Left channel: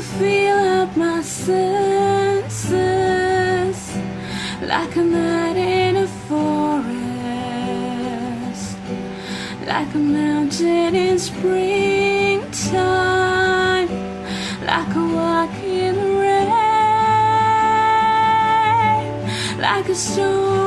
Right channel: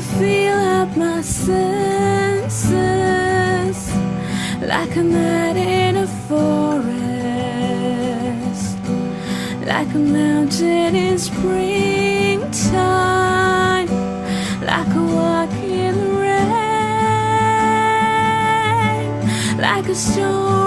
feel up my senses, like a night in a forest, like a mountain in springtime, like a walk in the rain, like a storm